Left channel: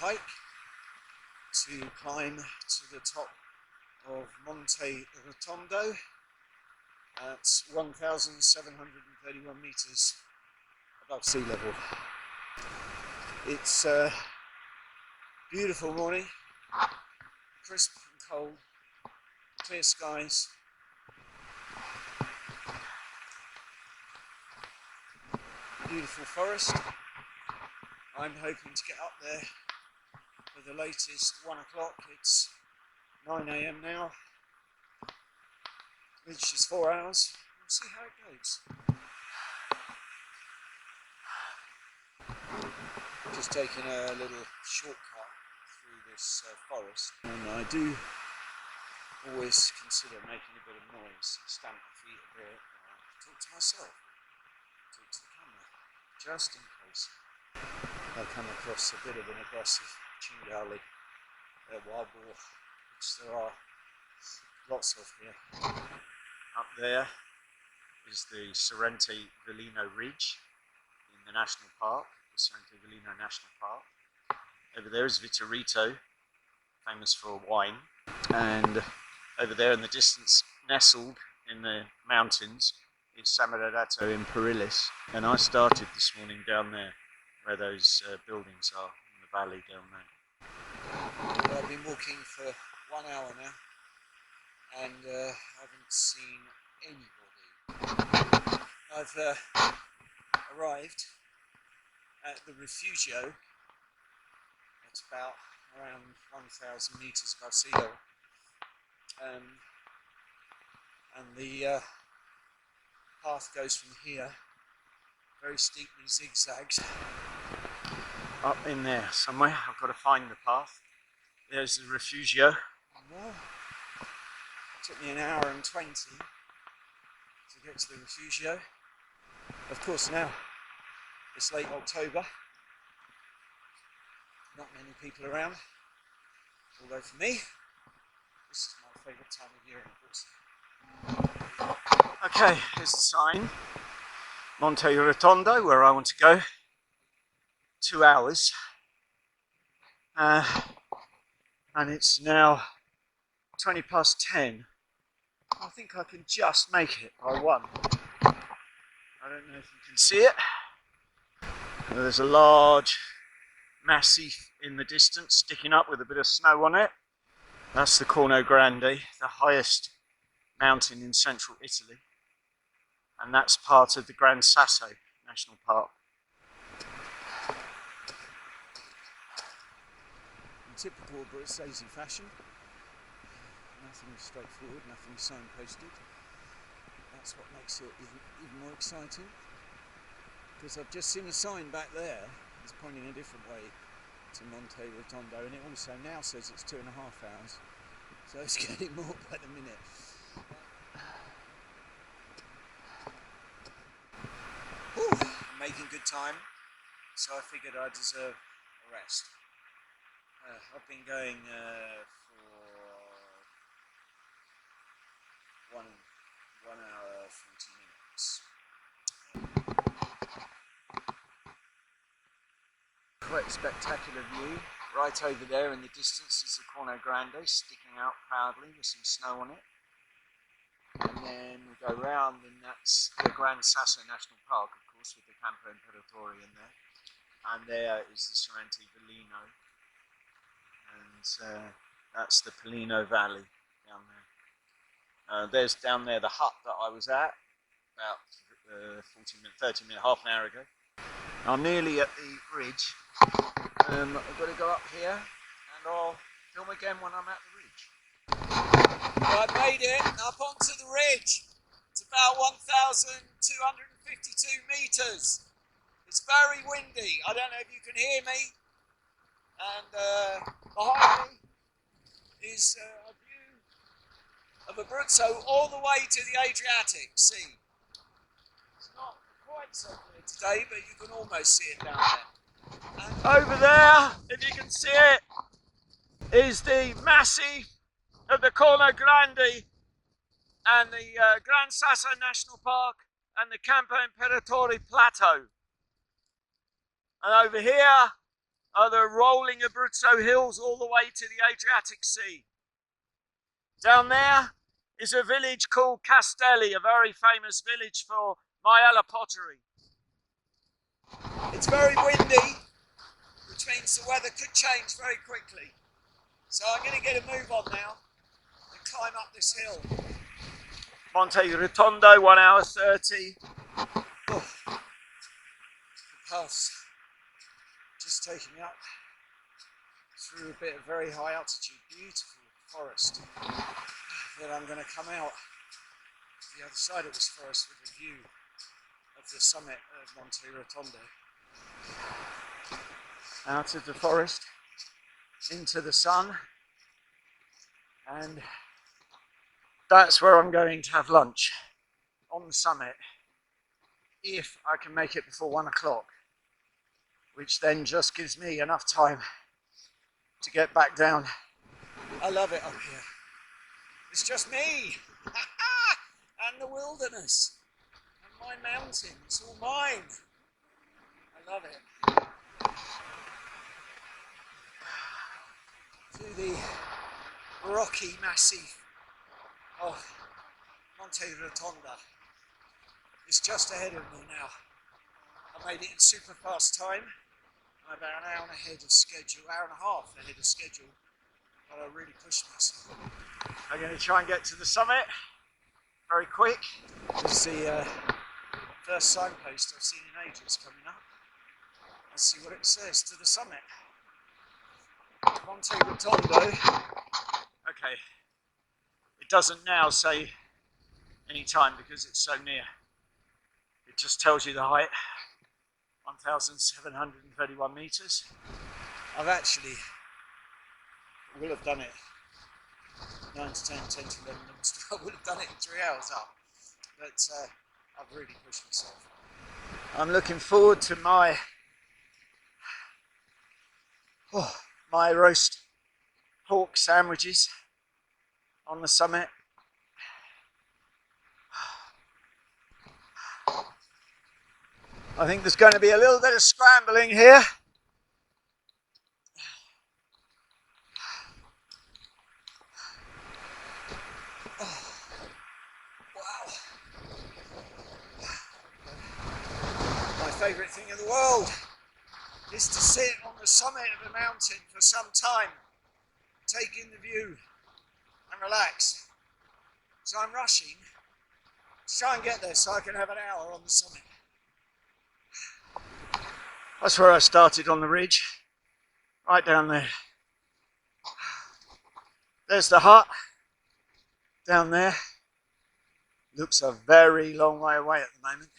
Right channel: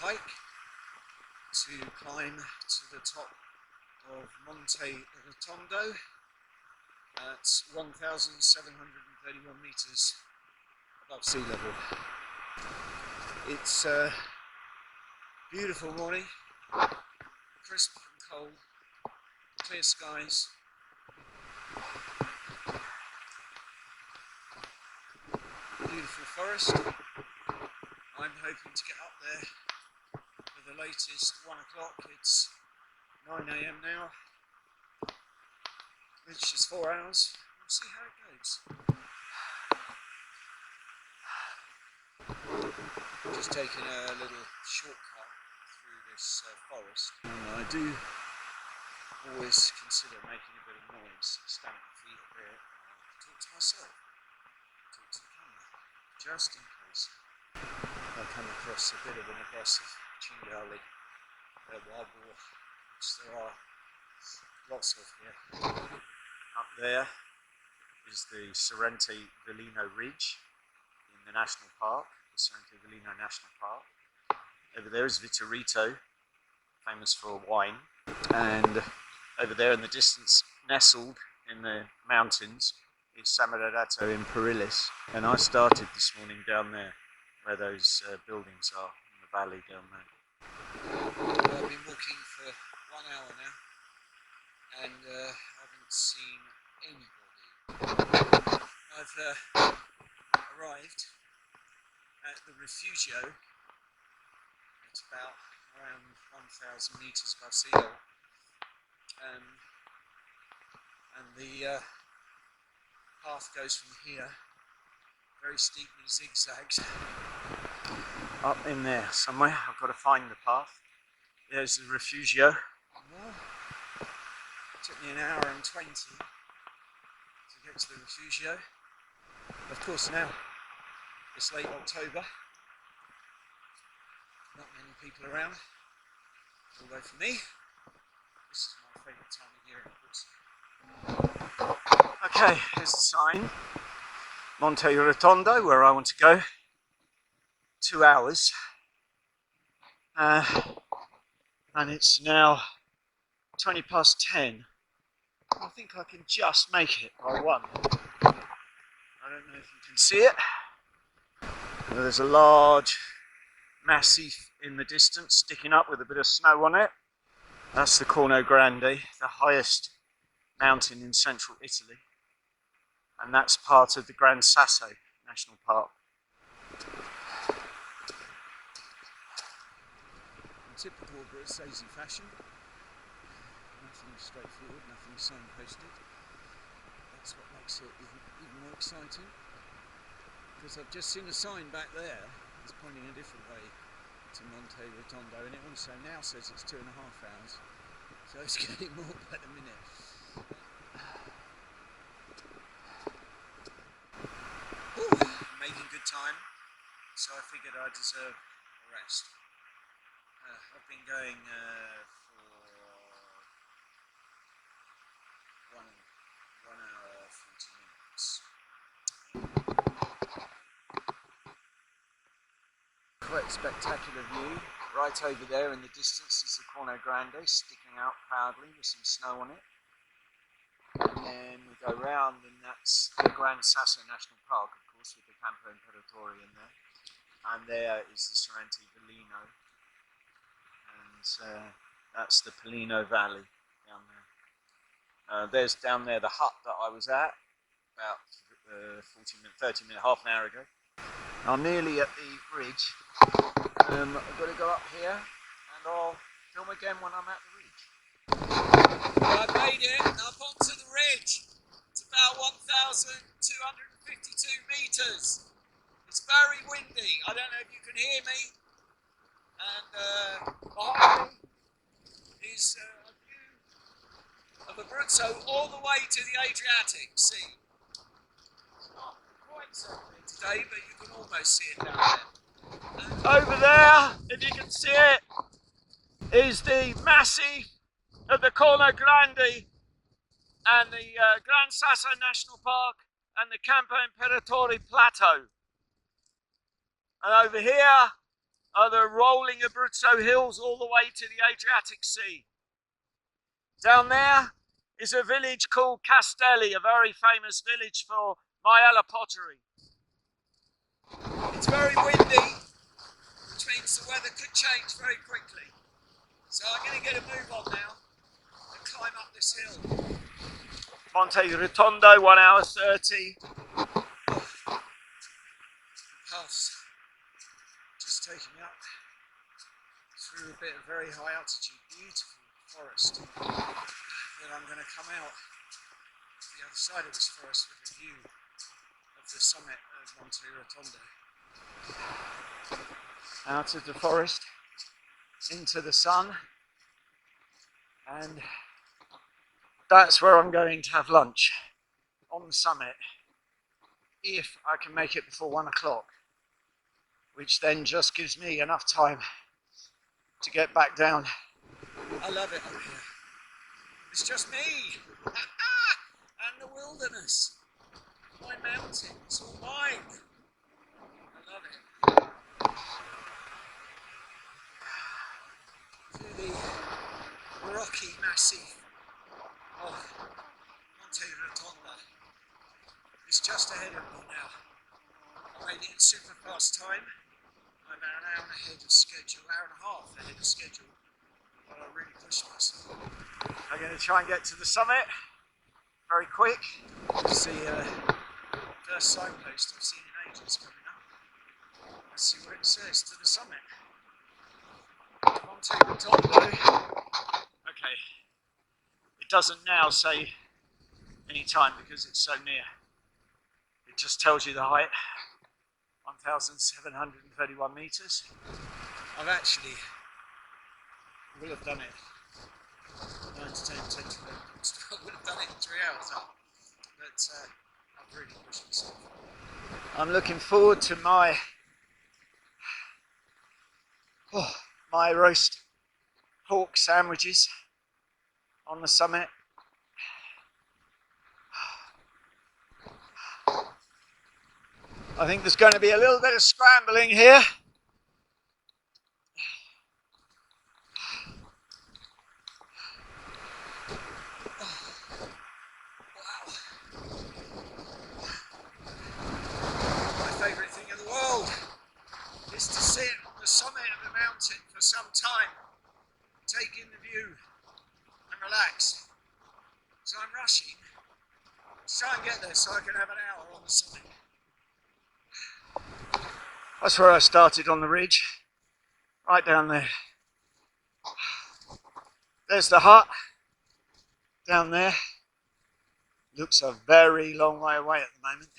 hike to climb to the top of Monte Rotondo at 1,731 meters above sea level. It's a beautiful morning, crisp and cold, clear skies. Beautiful forest. I'm hoping to get up there for the latest 1 o'clock. It's 9 AM now, which is 4 hours. We'll see how it goes. Just taking a little shortcut through this forest, and I do always consider making a bit of noise, stamp my feet a bit, talk to myself, talk to the camera, just in case I come across a bit of an aggressive chingali, wild boar, which there are lots of here. Up there is the Sorrente Velino Ridge in the National Park, the Sorrente Velino National Park. Over there is Refugio, famous for wine, and over there in the distance, nestled in the mountains, is Samarato in Perillis. And I started this morning down there, where those buildings are, in the valley down there. I've been walking for 1 hour now, and haven't seen anybody. I've arrived at the Refugio at about around 1,000 meters above sea level, and the path goes from here, very steeply zigzags, up in there somewhere. I've got to find the path. There's the Refugio. It took me 1 hour and 20 to get to the Refugio. Of course, now it's late October, not many people around, although for me this is my favourite time of year in Abruzzo. Okay, here's the sign, Monte Rotondo, where I want to go. 2 hours, and it's now 20 past 10. I think I can just make it by 1. I don't know if you can see it. There's a large massif in the distance sticking up with a bit of snow on it. That's the Corno Grande, the highest mountain in central Italy, and that's part of the Gran Sasso National Park. In typical Abruzzese fashion, nothing straightforward, nothing signposted. That's what makes it even more exciting, because I've just seen a sign back there that's pointing a different way to Monte Rotondo, and it also now says it's 2.5 hours, so it's getting more by the minute. Ooh, I'm making good time, so I figured I deserve a rest. I've been going for 1 hour 40 minutes. Quite a spectacular view. Right over there in the distance is the Corno Grande sticking out proudly with some snow on it. And then we go round, and that's the Gran Sasso National Park, of course, with the Campo Imperatore in there. And there is the Sorrente Velino. That's the Pelino Valley down there. There's down there the hut that I was at about 30 minutes, half an hour ago. I'm nearly at the ridge. I've got to go up here, and I'll film again when I'm at the ridge. I made it up onto the ridge. It's about 1,252 meters. It's very windy. I don't know if you can hear me. And behind me is a view of Abruzzo all the way to the Adriatic Sea. It's not quite so clear today, but you can almost see it down there. And over there, if you can see it, is the massif of the Corno Grande and the Gran Sasso National Park and the Campo Imperatore Plateau. And over here are the rolling Abruzzo hills all the way to the Adriatic Sea. Down there is a village called Castelli, a very famous village for Majella pottery. It's very windy, which means the weather could change very quickly. So I'm going to get a move on now and climb up this hill. Monte Rotondo, 1 hour 30. Oh, the path's just taking me up through a bit of very high altitude, beautiful forest. But I'm going to come out the other side of this forest with a view of the summit of Monte Rotondo. Out of the forest, into the sun, and that's where I'm going to have lunch, on the summit, if I can make it before 1 o'clock, which then just gives me enough time to get back down. I love it up here. It's just me and the wilderness and my mountain. It's all mine. I love it. Through the rocky massif of Monte Rotondo. It's just ahead of me now. I made it in super fast time. I'm about an hour and a half ahead of schedule. But I really pushed myself. I'm going to try and get to the summit very quick. It's the first signpost I've seen in ages coming up. Let's see what it says to the summit. Monte Rotondo. Okay, it doesn't now say any time because it's so near. It just tells you the height, 1,731 meters. I've actually will have done it 9 to 10, 10 to 11 minutes. I would have done it in 3 hours up, but I've really pushed myself. I'm looking forward to my roast pork sandwiches on the summit. I think there's going to be a little bit of scrambling here. Wow. My favourite thing in the world is to sit on the summit of a mountain for some time, take in the view and relax. So I'm rushing to try and get there so I can have an hour on the summit. That's where I started on the ridge, right down there. There's the hut, down there. Looks a very long way away at the moment.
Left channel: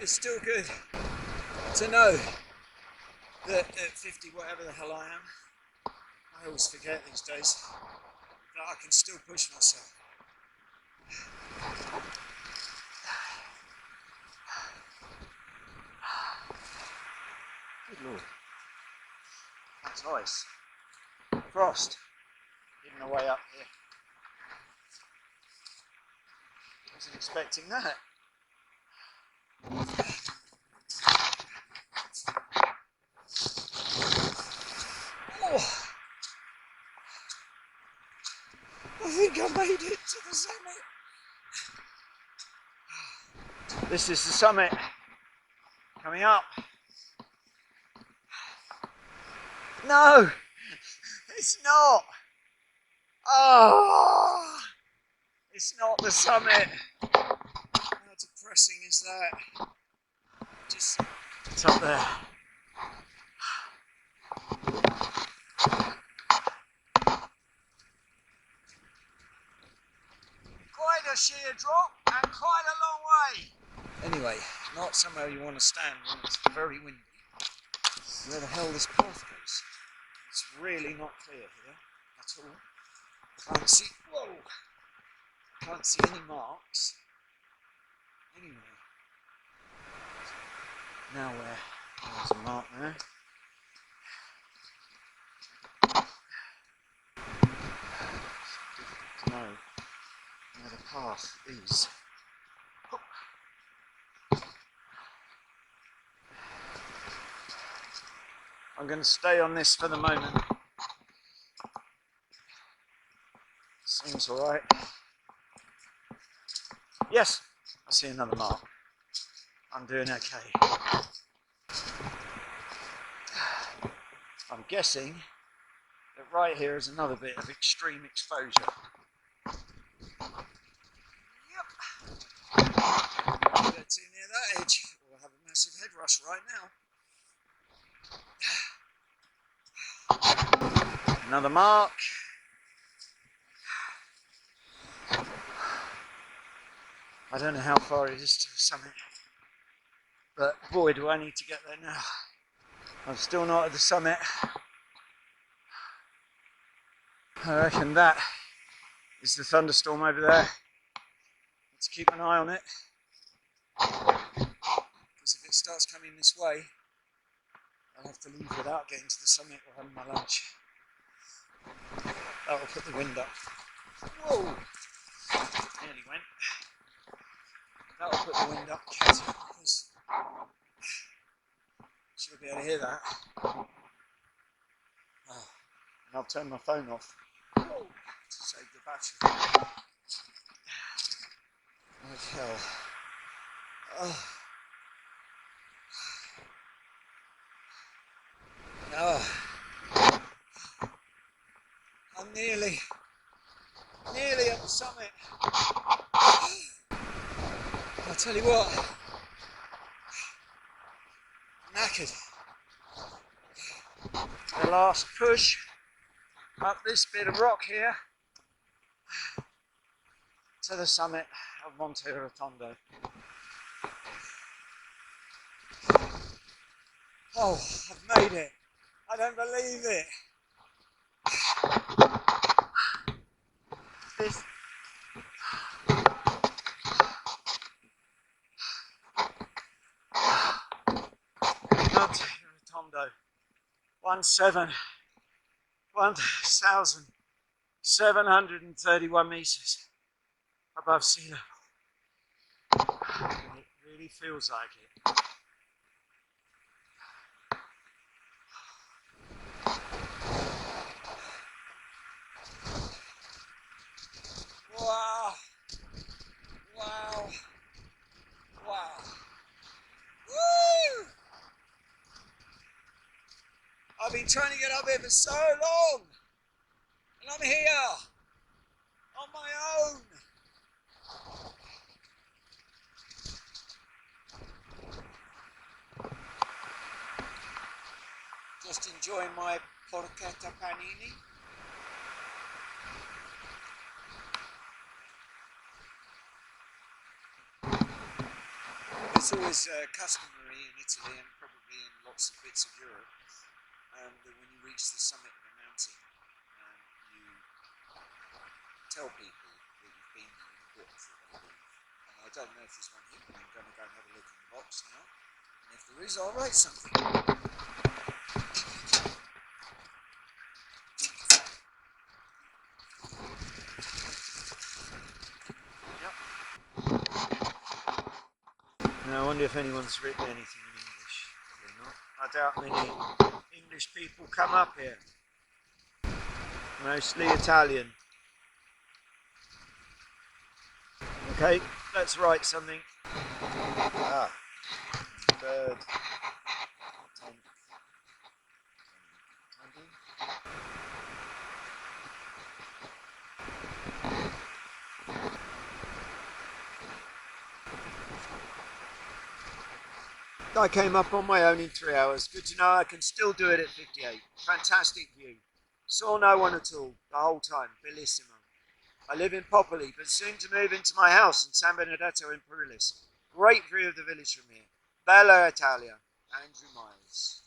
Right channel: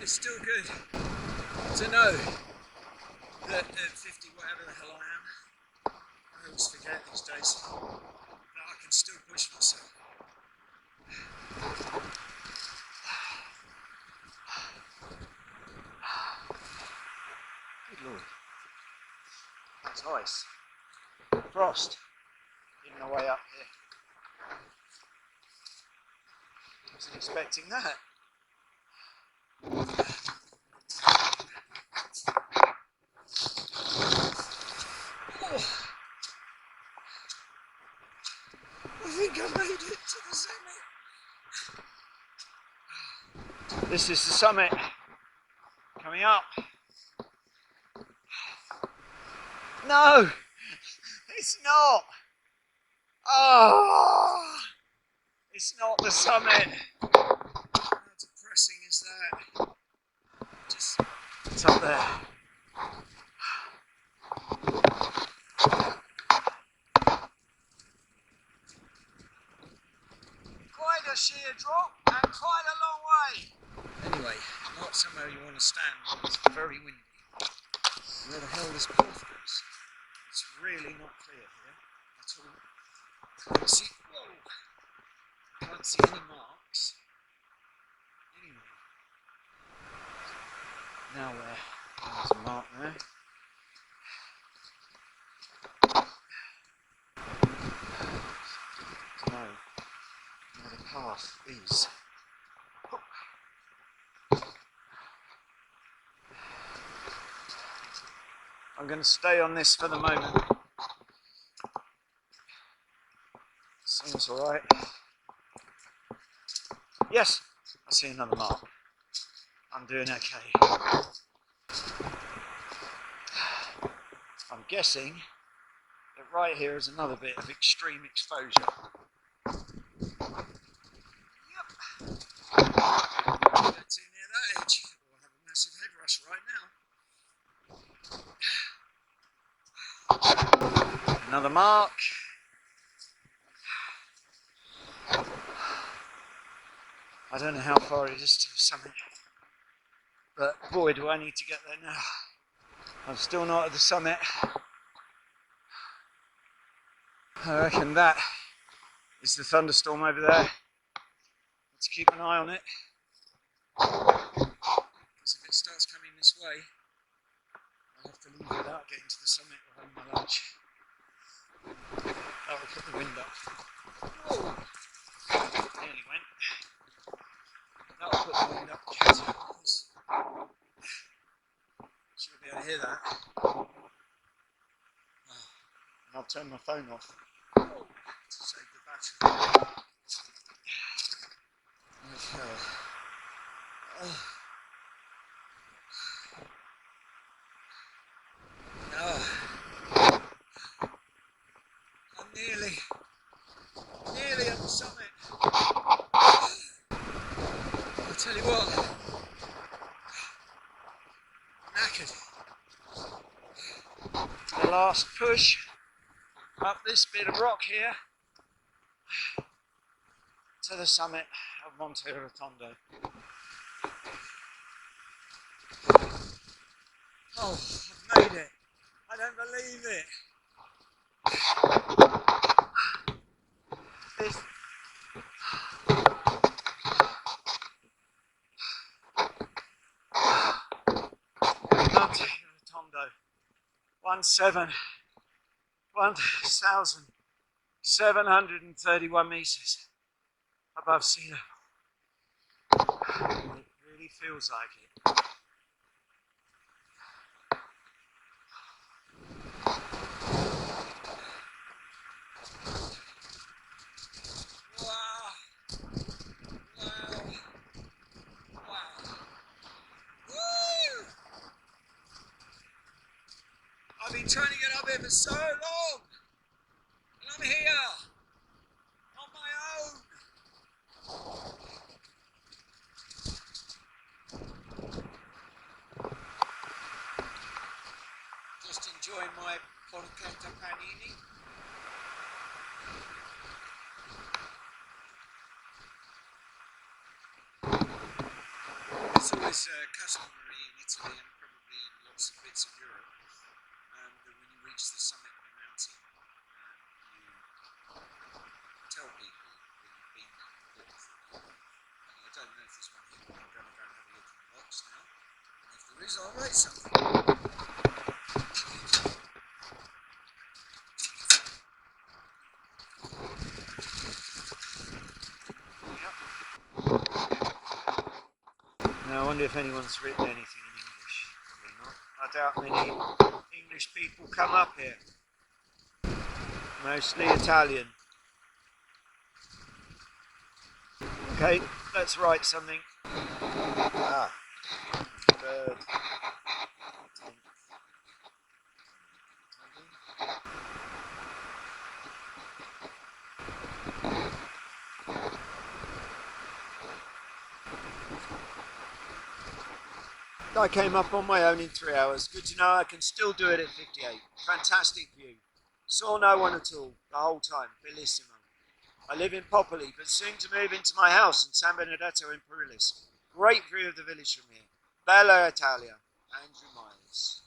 It's still good to know that at 50, whatever the hell I am, I always forget these days, that I can still push myself. Good Lord, that's ice. Frost in the way up here. Wasn't expecting that. Oh, I think I made it to the summit. This is the summit coming up. No, it's not. Oh, it's not the summit. How depressing is that? Just, it's up there. Quite a sheer drop and quite a long way. Anyway, not somewhere you want to stand when it's very windy. Where the hell this path goes? It's really not clear here at all. Can't see. Whoa! Can't see any marks. Anyway, now where? There's a mark there. To know where the path is. I'm going to stay on this for the moment. Seems alright. Yes, I see another mark. I'm doing okay. I'm guessing that right here is another bit of extreme exposure. Yep. Don't go too near that edge, or I'll have a massive head rush right now. Another mark. I don't know how far it is to the summit, but boy do I need to get there now. I'm still not at the summit. I reckon that is the thunderstorm over there. Let's keep an eye on it, because if it starts coming this way, I'll have to leave without getting to the summit or having my lunch. That will put the wind up. Whoa! Nearly went. That will put the wind up, because she'll be able to hear that. Oh. And I'll turn my phone off to save the battery. Like hell. Oh. No. I'm nearly at the summit. I'll tell you what, I'm knackered. The last push up this bit of rock here to the summit of Monte Rotondo. Oh, I've made it. I don't believe it. This Monte Rotondo, 1,731 meters above sea level. It really feels like it. Wow! Wow! Wow! Woo! I've been trying to get up here for so long, and I'm here on my own. Just enjoying my porchetta panini. It's always customary in Italy and probably in lots of bits of Europe that when you reach the summit of a mountain, you tell people that you've been there and booked for a month. And I don't know if there's one here, but I'm going to go and have a look in the box now. And if there is, I'll write something. Now I wonder if anyone's written anything in English. Probably not. I doubt many English people come up here. Mostly Italian. Okay, let's write something. Ah, bird. I came up on my own in 3 hours. Good to know I can still do it at 58. Fantastic view. Saw no one at all the whole time. Bellissimo. I live in Popoli, but soon to move into my house in San Benedetto in Perulis. Great view of the village from here. Bella Italia. Andrew Miles.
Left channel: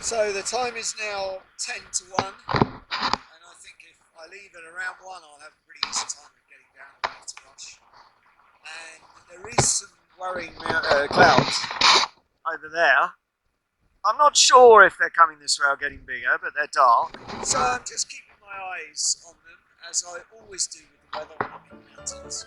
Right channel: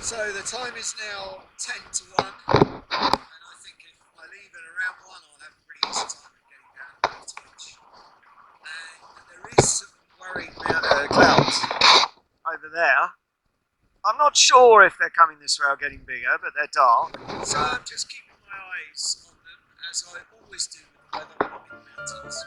So the time is now 10 to 1, and I think if I leave at around 1, I'll have a pretty easy time of getting down and back to Rush. And there is some worrying clouds over there. I'm not sure if they're coming this way or getting bigger, but they're dark. So I'm just keeping my eyes on them, as I always do with the weather when I'm in the mountains.